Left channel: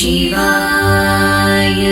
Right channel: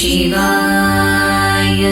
ಶಿವಾಯ.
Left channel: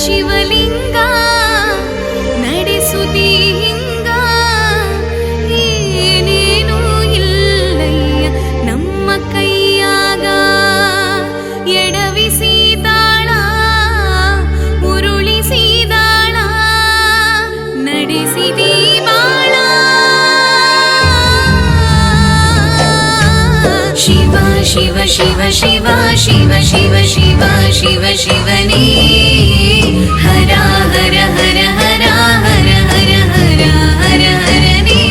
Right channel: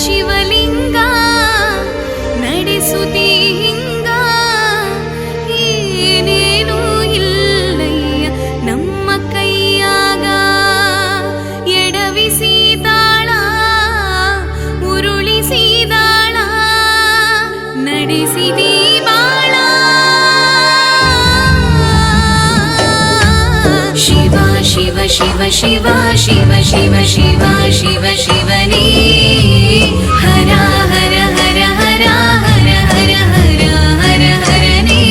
ಶಿವಲಿಂಗ ನಡೆಸುತ್ತೀ ಹಿಂಗ, ಏನೇನೂ ಇಲ್ಲಯ್ಯ ನಮ್ಮ ಕೈಯಾಗ. ಎಡವಿಸಿದಾಳ ಉರುಳಿಸಿದಾಳ ನಡೆಸಿದೀ ಬಾಳ. ಶಿವ ಶಿವ ಶಿವ ಶಿವ ಶಿವ ಶಿವ ಶಿವ ಶಿವ ಶಿವನೇ, ಹರ ಹರ ಹರ ಹರ ಹರ ಹರ ಹರ ಹರ ಹರನೇ.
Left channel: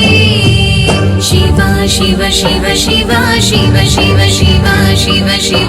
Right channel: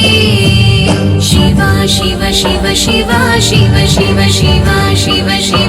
ಶಿವ ಶಿವ ಶಿವ ಶಿವ ಶಿವ ಶಿವ ಶಿವ ಶಿವ ಶಿವ